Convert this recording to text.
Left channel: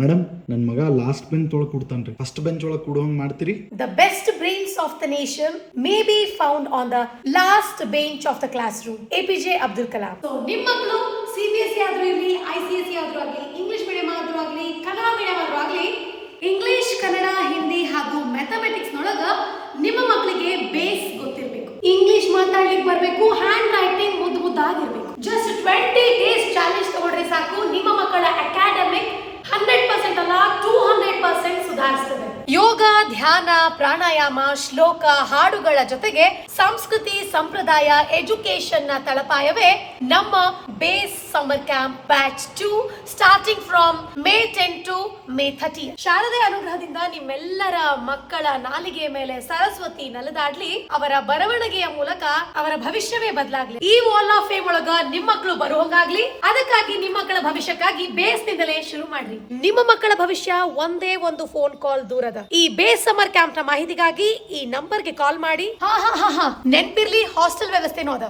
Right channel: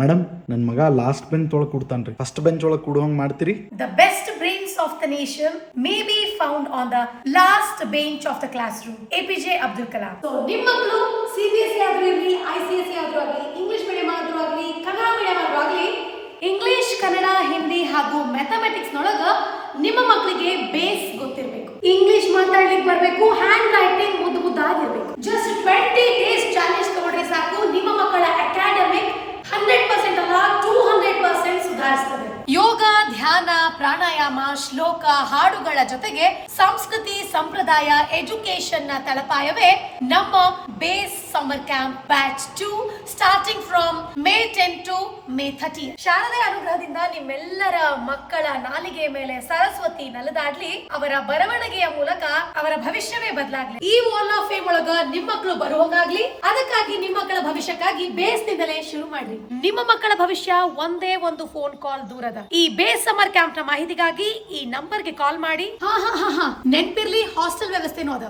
Madam ನನ್ನ ಮಗ last bench ಒಳಗೆ ಕೂಡ್ತಾನ್ರಿ, ಫಸ್ಟ್ ಬೆಂಚ್ ಒಳಗೆ ಕೂಡುವಂಗ್ ಮಾಡ್ತೀರಿ? The best brains of the nation may be found on the last bench of the classroom. APJ Abdul Kalam. So ನಿಮ್ಮ ಮಕ್ಕಳು CBSE ಆದ್ರೂ ಇರಲಿ, ICSE ಆದ್ರೂ ಆಗಲಿ, ಇಂಗ್ಲಿಷ್ ಮೀಡಿಯಂ ಆದ್ರೂ ಆಗಲಿ, ಕನ್ನಡ ಮೀಡಿಯಂ ಆದ್ರೂ ಆಗಲಿ, ಇಂಗ್ಲಿಷ್, ಕನ್ನಡ, ಹಿಂದಿ ಹಾಗೂ ಮ್ಯಾಥಮೆಟಿಕ್ಸ್ ನೊಳಗ ನಿಮ್ಮ ಮಕ್ಕಳಿಗೆ ಬೇಸ್ ಗೊತ್ತಿರಬೇಕು. ಇಂಗ್ಲಿಷ್ ಮಾತಾಡ್ಲಿಕ್ಕೆ ಬರಬೇಕು, ಹ್ಯಾಂಡ್ ರೈಟಿಂಗ್ ಮುದ್ದಾಗಿರ್ಬೇಕು. ಜಸ್ಟ್ 20 days ಚಾಲೆಂಜ್ ತಗೊಂಡ್ರೆ ಸಾಕು, ನಿಮ್ಮ ಮಕ್ಕಳ ಅಕಾಡೆಮಿಕ್ 100% ಅಲ್ಲ 200% ಸುಧಾರಿಸ್ತದೆ. ಯೋಗ, ಧ್ಯಾನ, ಪ್ರಾಣಾಯಾಮ, ಶ್ಲೋಕ, ಹಾಡುಗಳ ಜೊತೆಗೆ ಸಂಸ್ಕೃತಿ, ಸಂಪ್ರದಾಯ, ಎಜುಕೇಶನ್ ನ ತಳಪಾಯವೇ ನಮ್ಮ base summer camp batch 2 starting from May 10 to May 30. ಶಾರದೆ ಅನುಗ್ರಹದಿಂದ ನಿಮ್ಮೆಲ್ಲರ ಮಕ್ಕಳ ನಾಲಿಗೆ ಮೇಲೆ ಸರಸ್ವತಿ ನಲದಾಡ್ಲಿ, ಅವರ ಬರವಣಿಗೆಯ ಮೂಲಕ ಅವರ ಭವಿಷ್ಯವೇ ಬದಲಾಗ್ಲಿ. ಈ ವಾಲ್ ಆಫ್ ಫೇಮ್ ಒಳಗ ನಿಮ್ಮ ಮಕ್ಕಳು ಬರುವಂಗಾಗ್ಲಿ. ಅದಕ್ಕಾಗಿ ನಿಮ್ಮ ಮಕ್ಕಳ ಭವಿಷ್ಯಕ್ಕಾಗಿ ಬೇಸ್ ನಿಂದಲೇ ಶುರು ಮಾಡ್ರಿ. ನಿಮ್ಮ ಮಕ್ಕಳ ಭವಿಷ್ಯ ಒಂದೇ ಒಂದು ಫೋನ್ ಕಾಲ್ ದೂರದ. ಈ ಬೇಸ್ ಸಮ್ಮರ್ ಕ್ಯಾಂಪ್ ನ ಮಾಹಿತಿಗಾಗಿ ಈ ನಂಬರ್ಗೆ ಕಾಲ್ ಮಾಡಿ. ನೆನ್ಪಿರ್ಲಿ, ಹಾಸ್ಟೆಲ್ ವ್ಯವಸ್ಥೆನೂ ಅದ.